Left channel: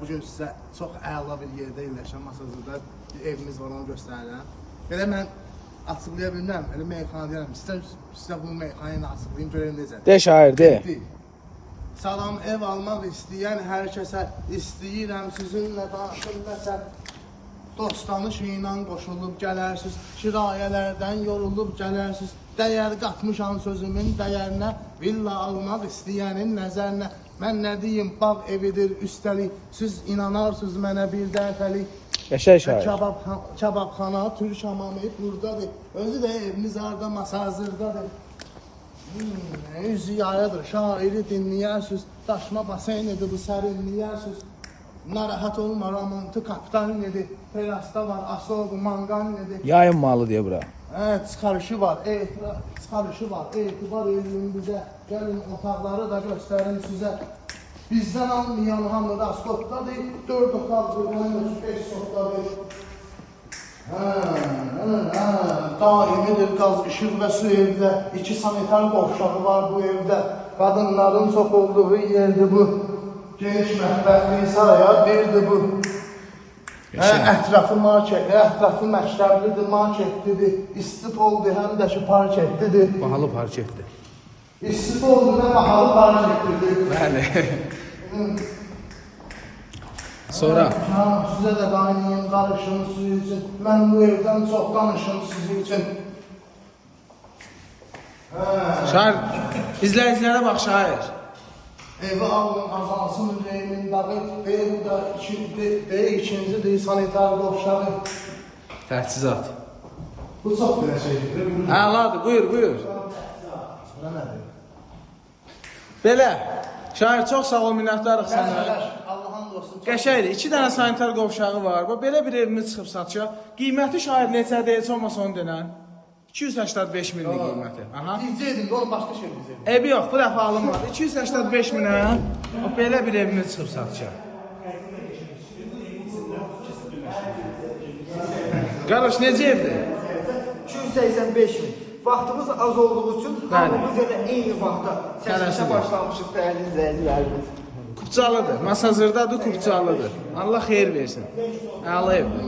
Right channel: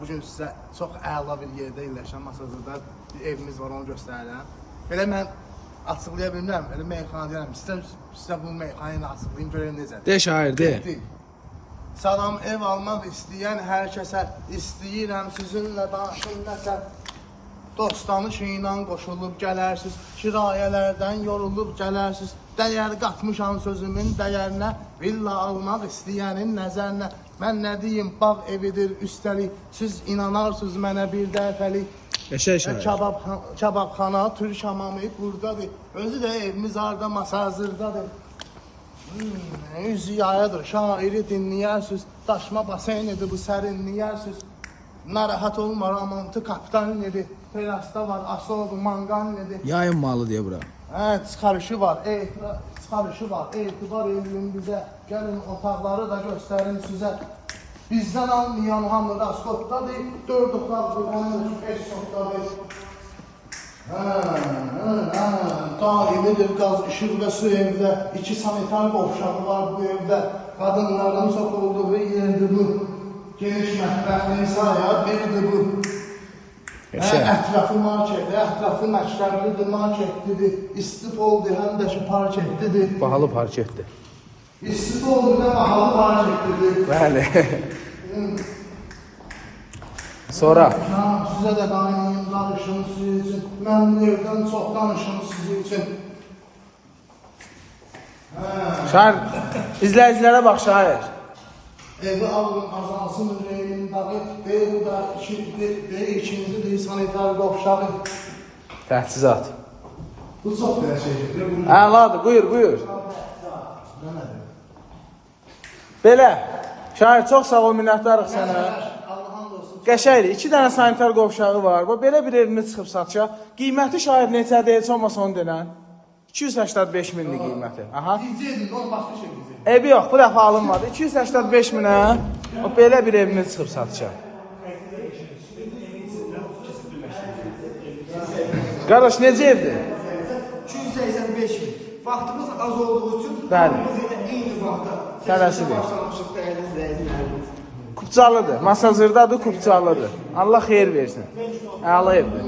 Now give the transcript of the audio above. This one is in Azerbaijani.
Bugün sizə çox əla bir yerdə yerləşən Masazırda bir evimiz var, onu göstərirəm. Belə mən açıqlaya bilmirəm, elə meyxana deyirəm. Sizə bu meyxanayı açıqlayayım, görəyim necədir. De şair, de. Salam, ev almaq istəyən hər kəsə istəyirəm sizinlə danışım nəsə. Dostanış ilə qoşulub gələrsiz, kirayələrdən yorulub gələrsiz. Dəyər qatmışam sözümün dəyərinə, villa almaq istəyənin nəzərinə. Mən nə deyim, bağ evidir üstəlik, siz inanarsınız mənə bir dəfəlik. Qəşəng şair. Kababxana, türk hamamı buradadır. Özü də evimiz arda Masazırdadır. Ziyarədir, şairi dinləyərsiniz. Daşma baseynidir bu sərinləyərsiniz. Narahat olma, romantı kapitan nedir? Terasta var, asobu, mangan nedir? Yayın malı diye bura. Evet, çıxarışı var, çıxarışı var, etibar edin bizə. Gəlin otaqları da göstərin sizə. Bizdən almayan hamı raskotdadır, 4 otaqdır, 5 otaqdır. Daimidir qaz, işıq və su evdə, 2 sanitar qovşağı var bu evdə. Qadınların çox olduğu yerdir bu. Geniş mətbəxli sayar birdir bu. Ətrafı marketdir, ətrafı məktəblidir, marketlidir. İstipoldur, həm də ki parketlidir. Bahalı parketdir. İstipoldur və bahalı parketlidir. Bəli. Sonra? Sizə də qaynayım, qarışım sizin üçün. Mən bu evdən çox danışım sizin üçün. Şair, izləyicilərə bax şair. Evi alın, azansın ürəyimin dağı, evi də ikincidir, sanitar qovşağı. Təchizat. Bu çox belə şeydir. Əladır, buyur. Belə, şair çox sağ ol, minnətdarıq sənə. Qəşəkdir, 2 dənə sanitar qovşağı var. Belə bir evində çıxıb satacaq. Qiyməti şair neçədir, heç olmasa onu denən. 285 minlik qiyməti. Gizli edin, onu başqa şey gizli edin. Evi yox, bu dəfə alınmadı. 285 minə belə bir evini çıxıb satacaq. Qardaş, necə evdir? 285 min. Vaxtımız az olduğu üçün hamımız yenə eyni vaxtda səsində başlamışıq, dəhlizləyir. Kupçalıdır, Masazırdadır, Kupçalıdır. Allah xeyir versin. Əla evdir.